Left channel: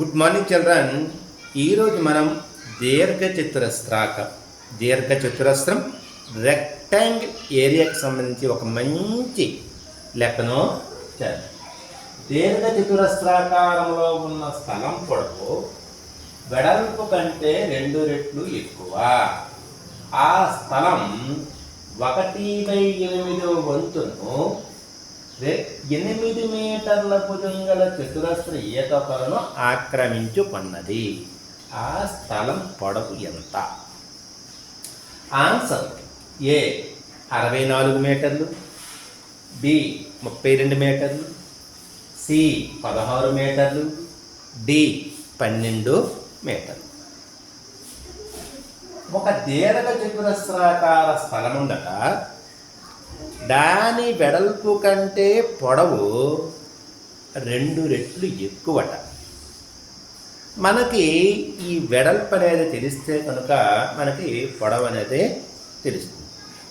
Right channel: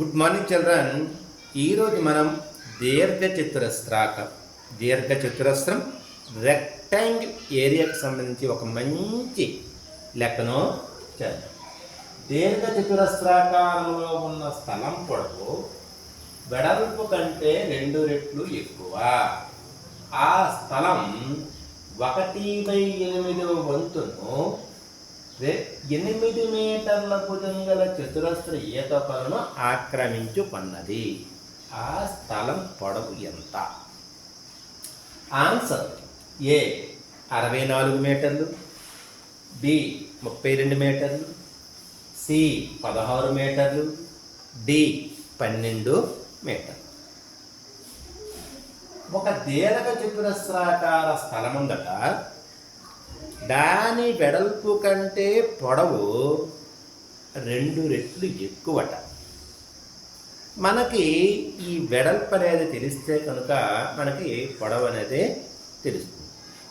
Good morning children. ఈరోజు మనం దీర్ఘచతురస్రం రెక్టాంగిల్ ఏరియాకి సంబంధించి ఒక మంచి లెక్కను చేద్దాం. దీర్ఘచతురస్రాకారంలో ఉన్న స్థలం పొడవు వెడల్పు కంటే 2 రెట్లు ఎక్కువ. ఆ స్థలం 1/8 వంతును 8 మీటర్ల భుజం గల చతురస్ర ఈతకొలను ఆక్రమించుకున్నది. ఆ స్థలం పొడవు ఎంత? ఆన్సర్: ఏ 64 మీటర్లు, బి 32 మీటర్లు, సి 16 మీటర్లు, డి 12 మీటర్లు. ఒక దీర్ఘ చతురస్రాకార స్థలం ఉందట. దాని వెడల్పు కంటే పొడవు 2 రెట్లు ఎక్కువట. మనకి ఈ వెడల్పు అనేది తెలిస్తే కనుక మనకి పొడవు అనేది తెలుస్తుంది.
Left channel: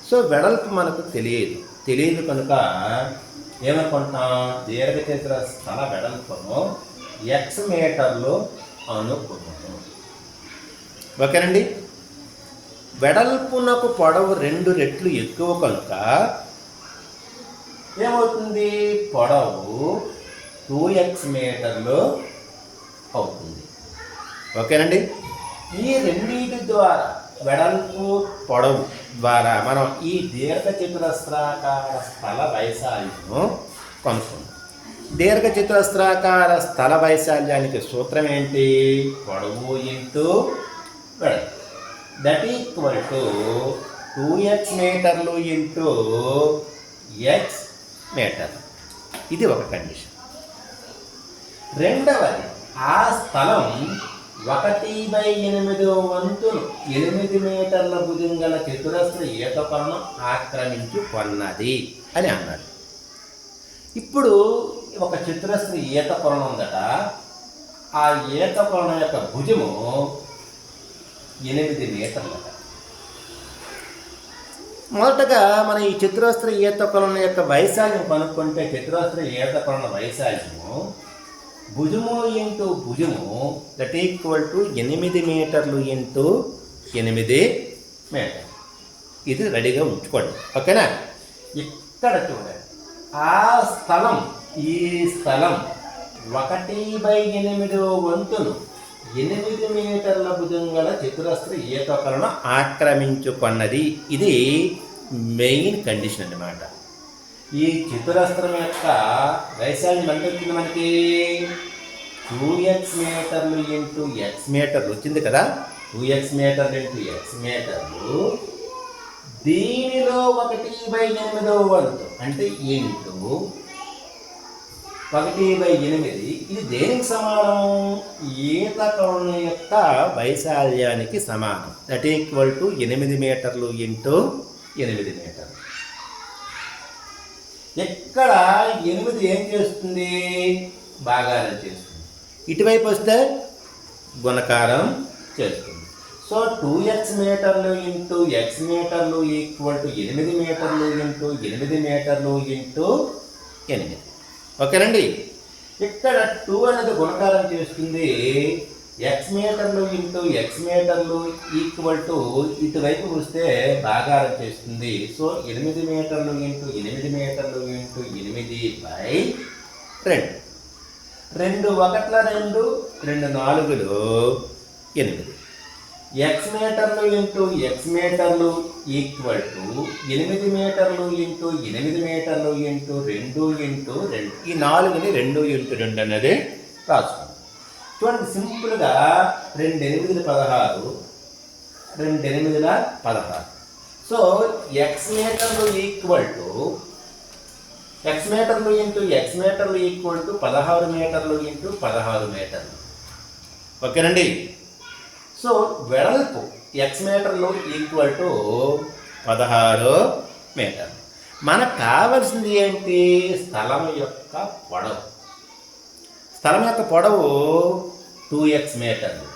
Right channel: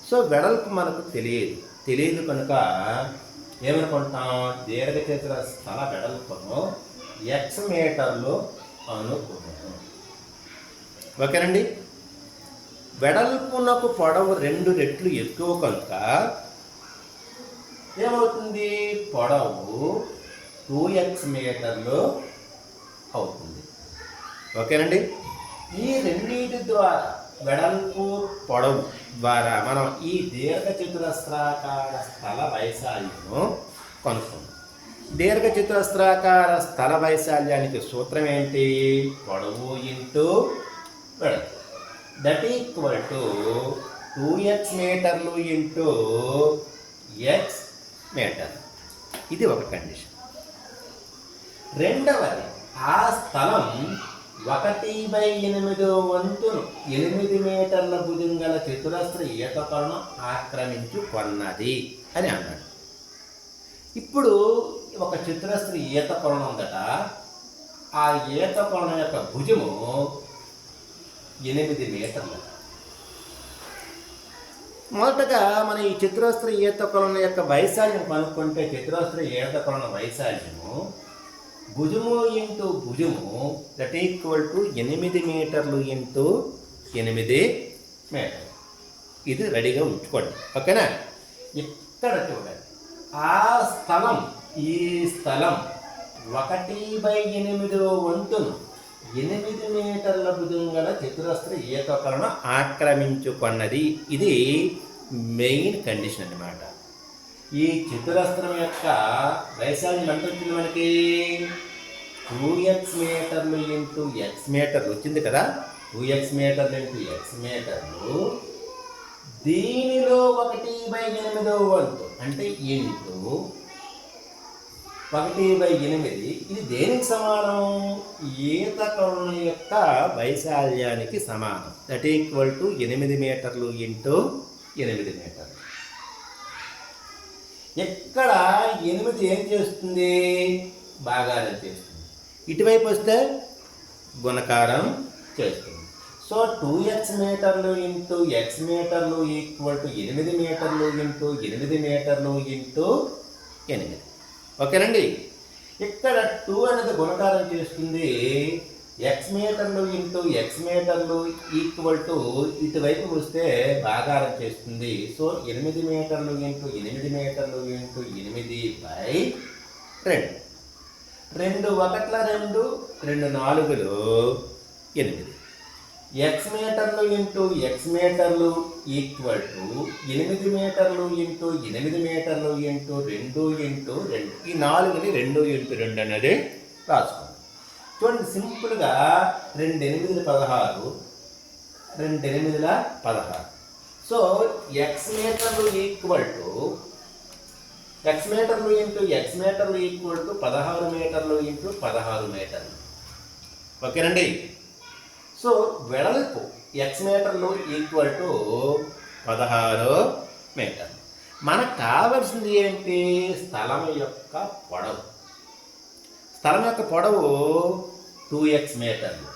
సో వెడల్పు మనకు తెలియదు కనుక ఏమనుకుంటున్నాం? దీర్ఘచతుర స్థల వెడల్పును x మీటర్లు అనుకున్నాము. ఓకేనండి. వెడల్పునకు పొడవు 2 రెట్లు ఎక్కువ కనుక ఏమవుతుంది? పొడవు 2x మీటర్లు అవుతుంది. ఓకేనండి. ఈ రెండింటి ద్వారా వెడల్పు పొడవు ద్వారా మనం ఈ దీర్ఘచతురస్రాకార స్థల వైశాల్యము కనుక్కుందాం. దీర్ఘచతురస్రాకార స్థల వైశాల్యానికి సూత్రం ఏంటి? పొడవు ఇంటూ వెడల్పు దట్ ఈక్వల్ టు 2x మీటర్లు ఇంటూ x మీటర్. ఇది ఒక కండిషన్. రెండవది, ఆ స్థలం 1/8 వంతులు 8 మీటర్ల భుజం గల చతురస్ర ఈతకొలను ఆక్రమించుకున్నది అని అన్నాడు. ఇప్పుడు ఒక చతురస్ర ఈతకొలను ఉందట. ఆ ఈతకొలను యొక్క భుజము 8 మీటర్లట. మొదటగా మనం ఈ చతురస్ర ఈతకొలను యొక్క వైశాల్యం కనుక్కుంటే చతురస్ర ఈతకొలను వైశాల్యము భుజము ఇంటూ భుజము దట్ ఈక్వల్ టు 8 మీటర్లు ఇంటూ 8 మీటర్లు. ఇది రెడీగా ఉంచుకోండి. ఓకేనా? ఇక్కడ చూడండి, ఈ స్థలం 1/8 వంతును 8 మీటర్ల భుజం గల చతురస్ర ఈతకొలను ఆక్రమించుకున్నది. ఇది మెయిన్ కండిషన్ అన్నమాట. ఈ చతురస్రం యొక్క వైశాల్యం ఎంత వచ్చింది మనకి? 2x మీటర్లు ఇంటూ x మీటర్లు వచ్చింది కదా. 2x మీటర్లు ఇంటూ x మీటర్లు. దీనిలో 1/8 వంతు అంటే ఇంటూ 1/8. ఇది దేనికి సమానం? ఈతకొలను యొక్క వైశాల్యానికి సమానం. దట్ ఈక్వల్ టు 8 మీటర్లు ఇంటూ 8 మీటర్లు. ఇక్కడ 8 ఏం చేస్తుంది? భాగారం చేస్తుంది. ఇటువైపు వస్తే గుణకారం చేస్తుంది. సో 2x మీటర్లు ఇంటూ x మీటర్లు ఈక్వల్ టు 8 మీటర్లు ఇంటూ 8 మీటర్లు ఇంటూ 8. ఓకేనండి. ఇక్కడ 2 అనేది గుణకారం చేస్తుంది. x మీటర్లు ఇంటూ x మీటర్లు ఈక్వల్ టు ఇటువైపు వస్తే భాగారం చేస్తుంది. సో 8 మీటర్లు ఇంటూ 8 మీటర్లు ఇంటూ 8/2. 2 1 2, 2 4 8. x మీటర్లు ఇంటూ x మీటర్లు ఈక్వల్ టు 8 మీటర్లు ఇంటూ 8 మీటర్లు ఇంటూ 2 ఇంటూ 2. ఈ 4ని 2 ఇంటూ 2 అనేది రాసుకోండి. చూడండి, సింపుల్గా 2 8 16, 2 8 16. సో x మీటర్లు ఈక్వల్ టు x మీటర్లు ఇంటూ x మీటర్లు ఈక్వల్ టు 16 మీటర్లు ఇంటూ 16 మీటర్లు. ఓకేనండి. సో వెడల్పు x మీటర్లు ఈక్వల్ టు 16 మీటర్లు. మనకు కావాల్సింది ఏంటి? స్థలం యొక్క పొడవు. స్థలం యొక్క పొడవు 2x మీటర్లు.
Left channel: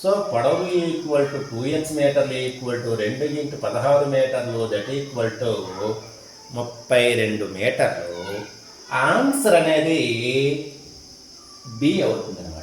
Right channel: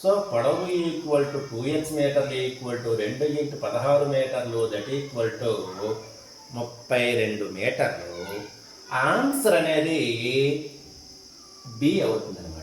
సో పొడవు ఈక్వల్ టు 2x మీటర్లు ఈక్వల్ టు 2 ఇంటూ 16 మీటర్లు దట్ ఈక్వల్ టు 32 మీటర్లు. ఆన్సర్ అనేది బి అవుతుంది అన్నమాట.